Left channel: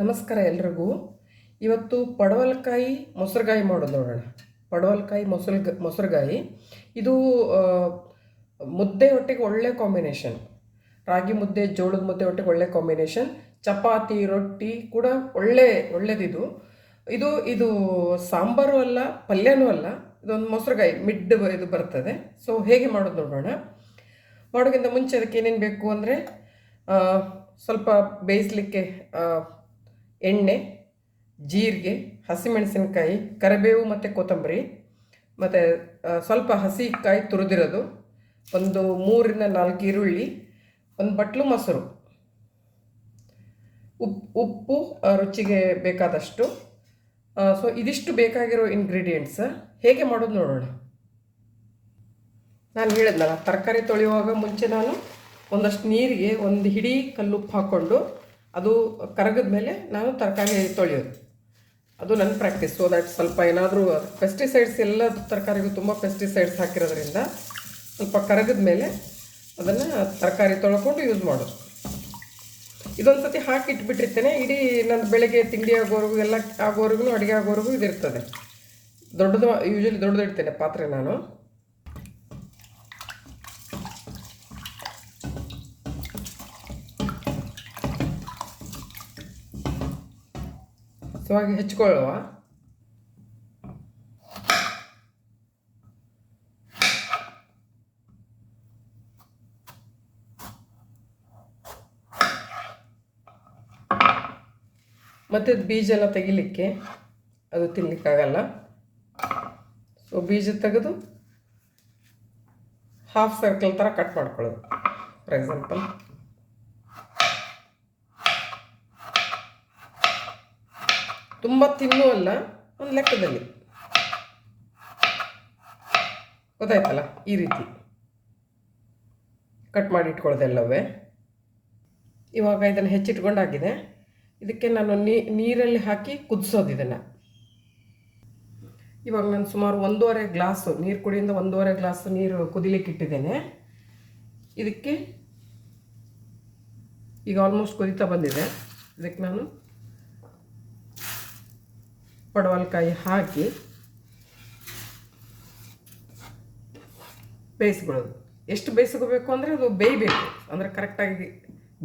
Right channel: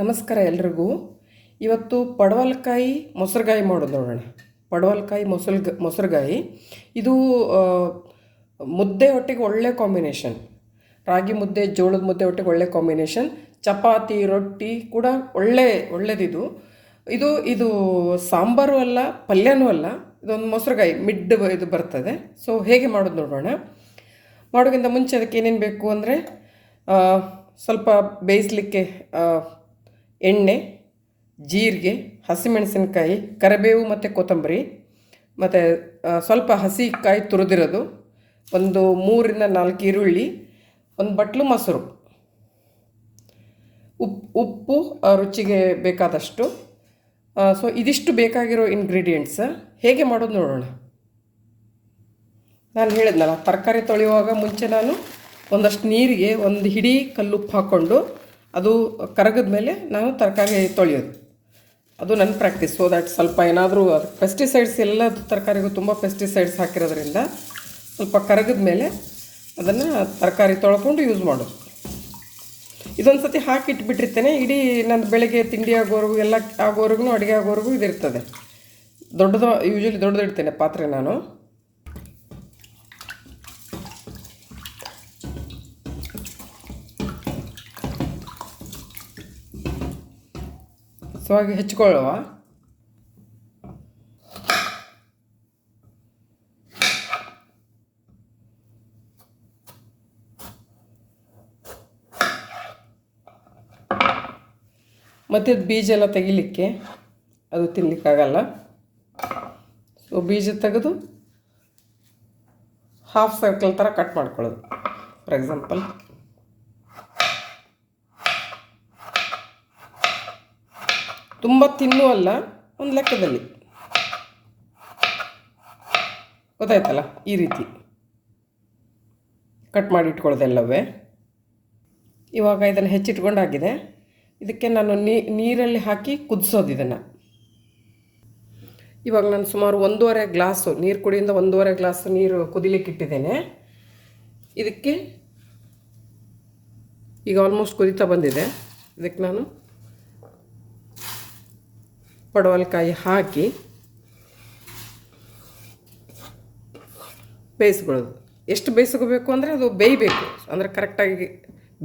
ನಮಸ್ಕಾರ ಎಲ್ರಿಗೂ. ಇವತ್ತು ಪಡವಲಕಾಯಿ ಮೊಸರುಗಾಯಿ ಮಾಡೋದು ನೋಡೋಣ. ಪಡವಲಕಾಯಿ ಮೊಸರುಗಾಯಿ ಇದು ಮುದ್ದೆ ಒಟ್ಟಿಗೆ ಒಳ್ಳೆ ಕಾಂಬಿನೇಷನ್. ರಾಗಿ ಮುದ್ದೆ, ಜೋಳದ ಮುದ್ದೆ ಒಟ್ಟಿಗೆ ಒಳ್ಳೆ ಕಾಂಬಿನೇಷನ್. ಚಪಾತಿ, ರೊಟ್ಟಿ ಕೂಡ ಒಳ್ಳೆಯದಿದು. ಇದು ಸಾಂಬಾರು ಅಲ್ಲ, ಪಲ್ಯನೂ ಅಲ್ಲ. ಇದೊಂದು ಮೊಸರುಗಾಯಿ ಇದು ಬರ್ತದೆ. ಸೊ ಹೇಗೆ ಮಾಡೋದು ನೋಡೋಣ. ಮಾಡೋಕ್ಕಿಂತ ಮುಂಚೆ ಅದಕ್ಕೆ ಏನೇನು ಬೇಕು ಅಂದರೆ, ಸ್ವಲ್ಪ ಬೇಯಿಸಲಿಕ್ಕೆ ಎಣ್ಣೆ, ಜೀರಿಗೆ, ಹಸಿಮೆಣಸಿನಕಾಯಿ, ಕರಿಬೇವು ಮತ್ತು ಕೊತ್ತಂಬರಿ, ಮತ್ತು ಸ್ವಲ್ಪ ಹಸಿ ಕಾಯಿ ತುರಿದಿರೋದು, ಒಂದು 3 ರಿಂದ 4 ಈರುಳ್ಳಿ, ಒಂದು ಬಟ್ಲು ಮೊಸರು, ಉಪ್ಪು ರುಚಿಗೆ ಬೇಕಾದಷ್ಟು. ಸೊ ಇದಿಷ್ಟು ಬೇಕಾಗಿರೋ ಇಂಗ್ರೀಡಿಯೆಂಟ್ಸ್. ಹೇಗೆ ಮಾಡೋದು ನೋಡೋಣ. ನಾನು ಹೇಳಿದ್ನಲ್ಲ, ತರಕಾರಿ ತೊಳೆಯುವಾಗ ಮುಂಚೆ ನಾನು ಒಂದಷ್ಟು ನೀರಿಗೆ ಒಂದು ಹಿಡಿ ಕಲ್ಲುಪ್ಪು ಹಾಕ್ಕೊಂಡು ಅದು ಕರಗಿದ ಮೇಲೆ ನಾನು ತರಕಾರಿ ತೊಳೆಯೋದು. ಅದು ನನ್ನ ಪ್ರಾಕ್ಟೀಸ್. ಸೊ ದ್ಯಾಟ್ ಸ್ವಲ್ಪ ಏನಾದರೂ ಪೆಸ್ಟಿಸೈಡ್ಸ್, ಎಲ್ಲ ತರಕಾರಿಗೂ ತುಂಬ ಪೆಸ್ಟಿಸೈಡ್ಸ್ ಹಾಕಿರೋದ್ರಿಂದ ಸ್ವಲ್ಪ ಕರಗಿದ ಮೇಲೆ ಅದನ್ನು ತರಕಾರಿ ತೊಳ್ಕೊಂಡು ಯೂಸ್ ಮಾಡೋದು. ಇದೊಂದು ಸತಿ ಹಾಕಿಟ್ಬಿಟ್ಟಿರ್ತೇನೆ. ಇಡೀ ನನ್ನ ಬೆಳಗ್ಗೆ ತಿಂಡಿ ಆಗೋವರೆಗೂ, ಎಲ್ಲ ಆಗೋವರೆಗೂ, ಅಡುಗೆ ಆಗೋವರೆಗೂ ಇದಿರ್ತದೆ. ಯೂಶ್ವಲಿ ದೊಡ್ಡದಿಡ್ತೇನೆ ಪಾತ್ರೆ ನಾನು. ಸೊ ಹಾಗೆ ಹೆಚ್ಚಿಕೊಳ್ಳುವ. ಮತ್ತು ಬೀಜ ಎಲ್ಲ ತೆಗಿಲಿಕ್ಕೆ, ಅದು ತಿನ್ನಲಿಕ್ಕಾಗಲ್ಲ. ಸೊ ಬೀಜ ತೆಗೆದು ಹಾಫ್ ಸರ್ಕಲ್ ಥರ ಕಟ್ ಮಾಡ್ಕೊಳ್ಳೋದು. ಫಾರ್ ಎಕ್ಸಾಂಪಲ್ ತುಂಬ ತಿನ್ನೂ ಅಲ್ಲ, ಒಂದು ಲೆಕ್ಕದಲ್ಲಿ. ಗೊತ್ತಾಯ್ತಲ್ಲ, ಈ ರೀತಿ ಕಟ್ ಮಾಡಿ ಇಟ್ಕೊಳ್ಳೋದೆಲ್ಲವೇ. ಇವಾಗ ಇದನ್ನು ಹೆಚ್ಚಿಟ್ಕೊಂಡಾಗಿದೆ. ಇದಕ್ಕೆ ನಾನು ನೀರಲ್ಲಿ ಹಾಕಿ ಕುದಿಸೋದು ಇದನ್ನು. ಇವಾಗ ನಾನು ಸುಮಾರು 1.5 ಗ್ಲಾಸು ನೀರು, ಕುಡಿಯಿಂದ 1.5 ಗ್ಲಾಸು ನೀರು ಕುದಿಲಿಕ್ಕೆ ಇಟ್ಟಿದ್ದೇನೆ. ಇದಕ್ಕೆ ಈಗ ಆಲ್ಮೋಸ್ಟ್ ಕುದೀತಾ ಬಂದಿದೆ. ಇದಕ್ಕೆ ನಾನು ಪಡವಲಕಾಯಿ ಹಾಕಿ ಬೇಯಿಸ್ಕೊಳ್ಳೋದು. ಎಷ್ಟು ಬೇಯಿಸ್ಕೋಬೇಕು ಅಂದರೆ ಅದು ಬೇಯಬೇಕು, ಅಂದರೆ ಕರೆಕ್ಟಾಗಿ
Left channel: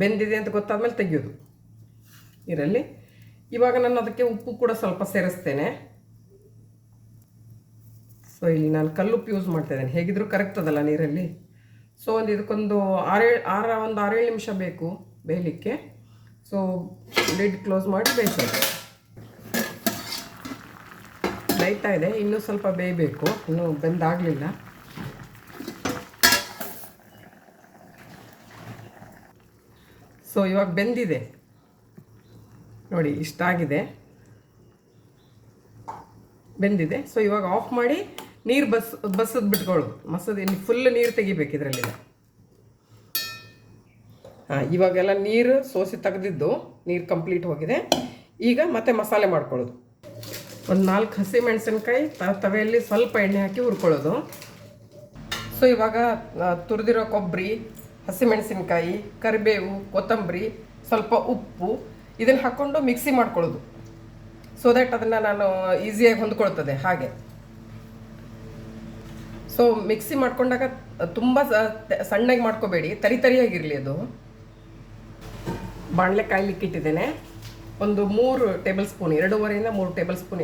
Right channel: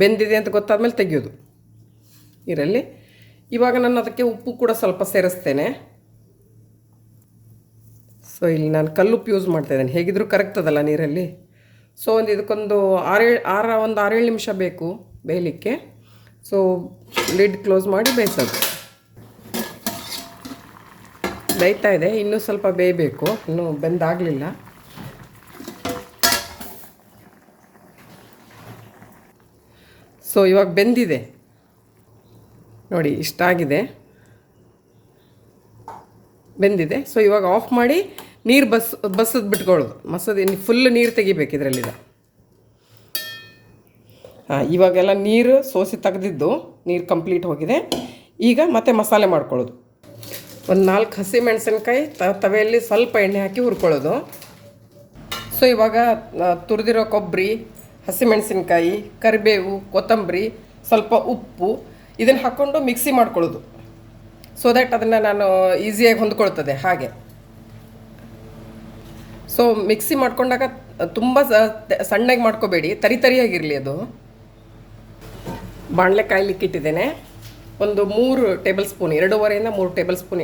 ಬೆಂದಿದೆ ಅಂತ ಗೊತ್ತಾದ್ಮೇಲೆ ತೆಗೆಯೋದು ನೀರಲ್ಲಿ. ಇವಾಗ ನಾನು ಅದಕ್ಕೆ ಉಪ್ಪು ಕೂಡ ಸ್ವಲ್ಪ ಸೇರಿಸ್ತೇನೆ. ಸೊ ಇಲ್ಲಿ ನಾನು ಕಲ್ಲುಪ್ಪು ಯೂಸ್ ಮಾಡ್ತಾಯಿದ್ದೇನೆ. ಹೇಗಿದ್ದರೂ ಕರಗ್ತದಲ್ಲ ನೀರಲ್ಲಿ. ಸೊ ಇದಕ್ಕೊಂದು 6-7 ನಿಮಿಷ ಬೇಕು ಬೇಯಲಿಕ್ಕೆ. ಸೊ ಲಿಡ್ ಕ್ಲೋಸ್ ಮಾಡಿ ಬೇಯಿಸೋದು. ಬೇಯ್ತಾ ಇದೆ, ಇನ್ನೂ ಸ್ವಲ್ಪ ಬೇಯಬೇಕು, ಇನ್ನೂ ಬೆಂದಾಗಲಿಲ್ಲ. ಸೊ ಇವಾಗ ಬೆಂದಿದೆ ನೋಡಿ, ಇಷ್ಟಾಗಿದೆ, ಬೆಂದಿದೆ. ಸೊ ಇವಾಗ ಆಫ್ ಮಾಡಿ ನೀರು ಬಸದ್ ಬಿಟ್ಕೊಳ್ಳೋದು. ಫುಲ್ ನೀರು ತೆಗಿಬೇಕು ಇದರಲ್ಲಿದೆ. ಇವಾಗೆಲ್ಲ ನೀರು ಸೋಸಿ ತೆಗೆದಿದ್ದು, ನೀರು ಕಂಪ್ಲೀಟ್ ಹೋಗಿದೆ. ಈಗ ಮತ್ತೆ ಮಸಾಲೆ ಮಾಡ್ಕೊಳ್ಳೋದು. ಒಂದು 4 ಹಸಿಮೆಣಸಿನ್ಕಾಯಿ ತವೆಯಲ್ಲಿ ಸ್ವಲ್ಪ ಎಣ್ಣೆ ಹಾಕಿ ಹುರ್ಕೊಳ್ಳೋದು. ಸೊ ಇವಾಗ ತುರಿದಿರೋ ಕೊಬ್ಬರಿ, ಹಸಿಮೆಣಸಿನ್ಕಾಯಿ, ಕರಿಬೇವು, ಕೊತ್ತಂಬರಿ, ಸ್ವಲ್ಪ ಉಪ್ಪು, ಇದನ್ನು ಹಾಕ್ಕೊಂಡು ಮಿಕ್ಸಿ ಮಾಡ್ಕೊಳ್ಳೋದು. ಸೊ ದ್ಯಾಟ್ ಅದನ್ನು ನಾನು ಈಸಿಯಾಗಿ ಹೊಂದ್ಕೊಳ್ತದೆ ಹಾಗೆ. ಸೊ ಮಿಕ್ಸಿ ಮಾಡ್ಕೊಂಡಾಗ ತುಂಬ ಸಣ್ಣಗೆ ಮಾಡ್ಕೋಬೇಡಿ, ತರಿಯಾಗಿರಲಿ ಅದು. ಬಾಣಲೆ ಕಾಯ್ಲಿಕ್ಕೆ ಇಟ್ಟಿದ್ದೇನೆ. ಒಂದು 3 ಟೇಬಲ್ ಸ್ಪೂನ್, 2.5 ರಿಂದ 3 ಟೇಬಲ್ ಸ್ಪೂನ್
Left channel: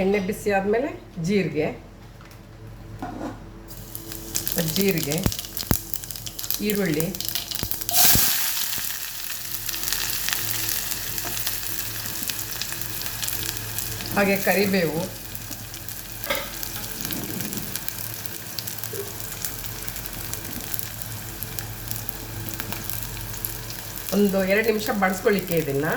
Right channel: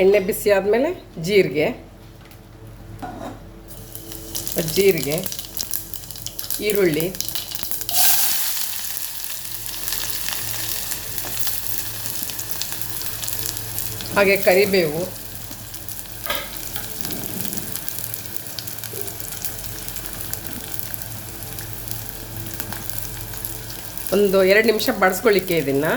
ಎಣ್ಣೆ ಬಿಸಿ ಆದಮೇಲೆ ಜೀರಿಗೆ, ಈರುಳ್ಳಿ, ಹಾಗೆ ಕರಿಬೇವು, ಒಂದು 2 ನಿಮಿಷ ಬಾಡಿಸ್ಕೊಳ್ಳಿಕ್ಕೆ ಇದನ್ನು.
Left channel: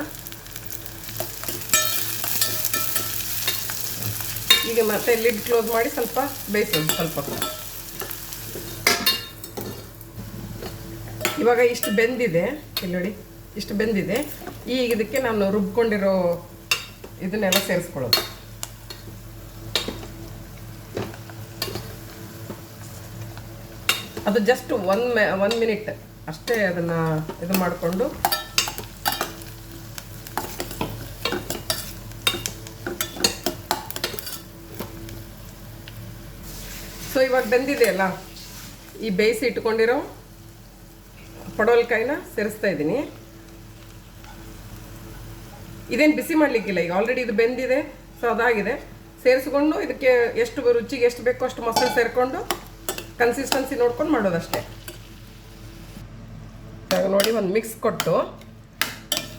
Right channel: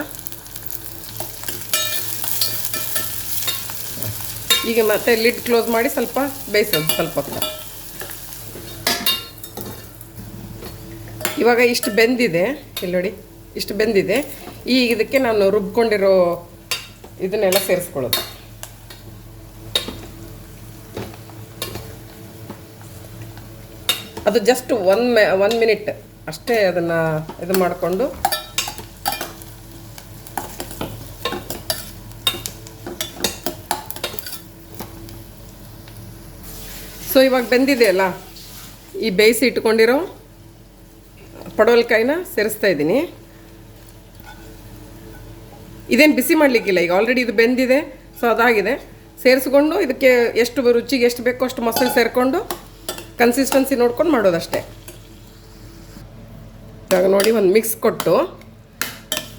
ಈಗ ಮತ್ತೆ ಲಿಡ್ ಕ್ಲೋಸ್ ಮಾಡಿ ಸ್ವಲ್ಪ ಬೇಯಿಸೋದು ಸ್ವಲ್ಪ ಹೊತ್ತು. ಇವಾಗ ಇಷ್ಟು ಬೆಂದಿದೆ, ಇಲ್ಲಿ ನೋಡಿ, ಇಷ್ಟು ಬೆಂದಿದೆ. ಈಗ ಇದಕ್ಕೆ ನಾನು ರುಬ್ಕೊಂಡಿರೋ ಇದನ್ನೆಲ್ಲ ಸೇರಿಸ್ಕೊಳ್ಳೋದು. ಅದು ಜಸ್ಟ್ 1 ಮಿನಿಟ್ ಅಷ್ಟೇ. ಅದನ್ನು ಇದು ಮಾಡಿಕೊಂಡು ಸೊ ಇವಾಗ ಬೆಂದಿದೆ ಅಲ್ಲ, ಈ ಬೇಯಿಸಿ ಇಟ್ಕೊಂಡಿರೋ ಪಡವಲಕಾಯಿನ ಸೇರಿಸ್ತಾ ಇದ್ದೀನಿ. ಇದೇನು ಬಿಸಿ ಮಾಡಲಿಕ್ಕಿಲ್ಲ, ಈಗ ಆಲ್ರೆಡಿ ಇದು ಬೆಂದಿದೆ. ಸೊ ಅದಾಗಿದೆ. ಸೇರಿಸ್ಕೊಂಡು ಇದಕ್ಕೆ ಎಷ್ಟು ರುಚಿಗೆ ಎಷ್ಟು ಬೇಕೋ ಅಷ್ಟು ಮೊಸರು ಸೇರಿಕೊಂಡು ಕನ್ಸಿಸ್ಟೆನ್ಸಿ ನೋಡ್ಕೊಂಡು ಮಾಡೋದಷ್ಟೇ. ಇವಾಗ ನೋಡಿ ಒಂದು ಮಿಕ್ಸ್ ಕೊಟ್ಟು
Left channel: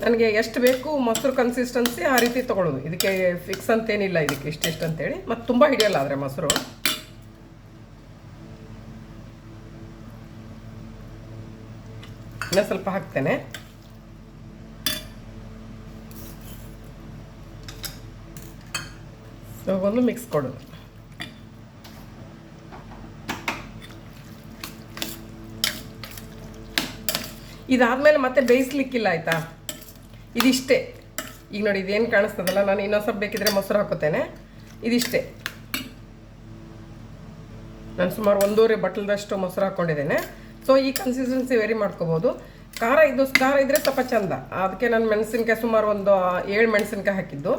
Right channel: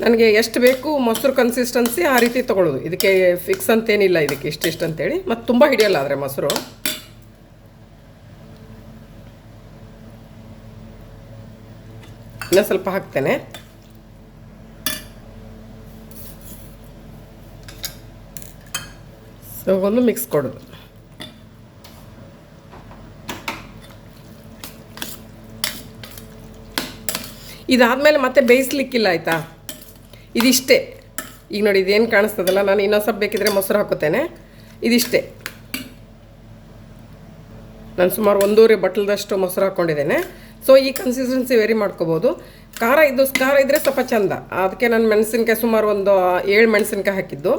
ನನಗೆ ಎಷ್ಟು ಬೇಕು ಮೊಸರು ಕನ್ಸಿಸ್ಟೆನ್ಸಿ ಆ ರೀತಿ ತೊಗೊಳ್ಳೋದು. ಇದಕ್ಕೆ ಫಿಕ್ಸ್ ಅಂತೇನಿಲ್ಲ, ಇದಕ್ಕೆ ಇಷ್ಟಿಷ್ಟು ಅಂತೇಳಿ. ಮತ್ತು ತುಂಬ ಹಿಡಿಯಲ್ಲ ಆದರೆ ಮೊಸರು. ಇನ್ನೂ ಸ್ವಲ್ಪ ಹಾಕ್ತೇನೆ. ಸೊ ಒಂದು ಮಿಕ್ಸ್ ಕೊಡೋದು. ಇದಾದಮೇಲೆ ಮತ್ತೆ ಬೇಯಿಸ್ಲಿಕ್ಕಿಲ್ಲ, ಆಯಿತಾ? ಇದಿಷ್ಟೇ. ಈಗ ನೋಡಿ ಇದೇನು ಕಾಣಿಸ್ತದಲ್ಲ, ನಾನು ಇನ್ನೊಂದು ಸ್ವಲ್ಪ ಬೇಕಿದ್ರೆ ಮೊಸರು ಹಾಕೋತೇನೆ. ಇದಿಷ್ಟೇ. ನಾನು ಸುಮಾರು 1.5 ಬಟ್ಲದಷ್ಟು ಮೊಸರು ಹಾಕ್ಕೊಂಡಿದ್ದೇನೆ. ಸೊ ಈ ಕನ್ಸಿಸ್ಟೆನ್ಸಿ ವೇರಿ ಮಾಡ್ಕೋಬೋದು. ಖಾರ ಇದ್ದರೆ ಸ್ವಲ್ಪ ಚಂದ. ಅದಕ್ಕೆ ನಾನು ಮೆಣಸಿನ್ಕಾಯಿ ಸುಮಾರು ಒಂದು 7 ಮೆಣಸಿನ್ಕಾಯಿ ಹಾಕಿದ್ದು.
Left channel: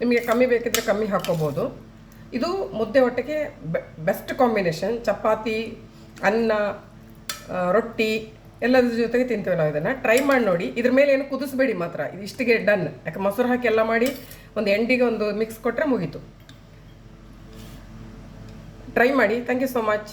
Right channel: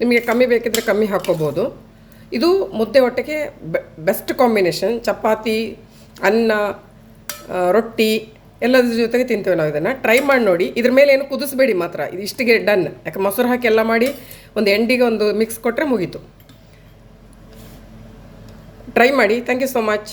ನಿಮಗೆ ಕಮ್ಮಿ ಬೇಕಿದ್ರೆ ಕಮ್ಮಿ ಹಾಕ್ಕೋಬೋದು. ಇದು ಮುದ್ದೆ ಹೊಟ್ಟೆಗೆ ಬೆಸ್ಟ್ ಕಾಂಬಿನೇಷನ್. ಚಪಾತಿ, ಅನ್ನ, ರೊಟ್ಟಿ ಎಲ್ಲದ್ರ ಜೊತೆಗೆ ತಿಂತೇವೆ ನಾವು. ಇದನ್ನು ಟ್ರೈ ಮಾಡಿ ನೋಡಿ. ಇದ್ರ ಮೇಲೆ ಏನು ಕುದಿಸ್ಬೇಡಿ ಮಾತ್ರ. ಇದು ಇಷ್ಟಿಗೆ ಡನ್. ಯಾಕೆ ಮೊಸರು ಹಾಕಿ ಎಲ್ಲ ಮಾಡಿ ಒಂದು ಎಂಡಿಗೆ ಒಂದು ಮಿಕ್ಸ್ ಕೊಟ್ಟರೆ ಮುಗೀತು. ಟ್ರೈ ಮಾಡಿ. Thank you so much.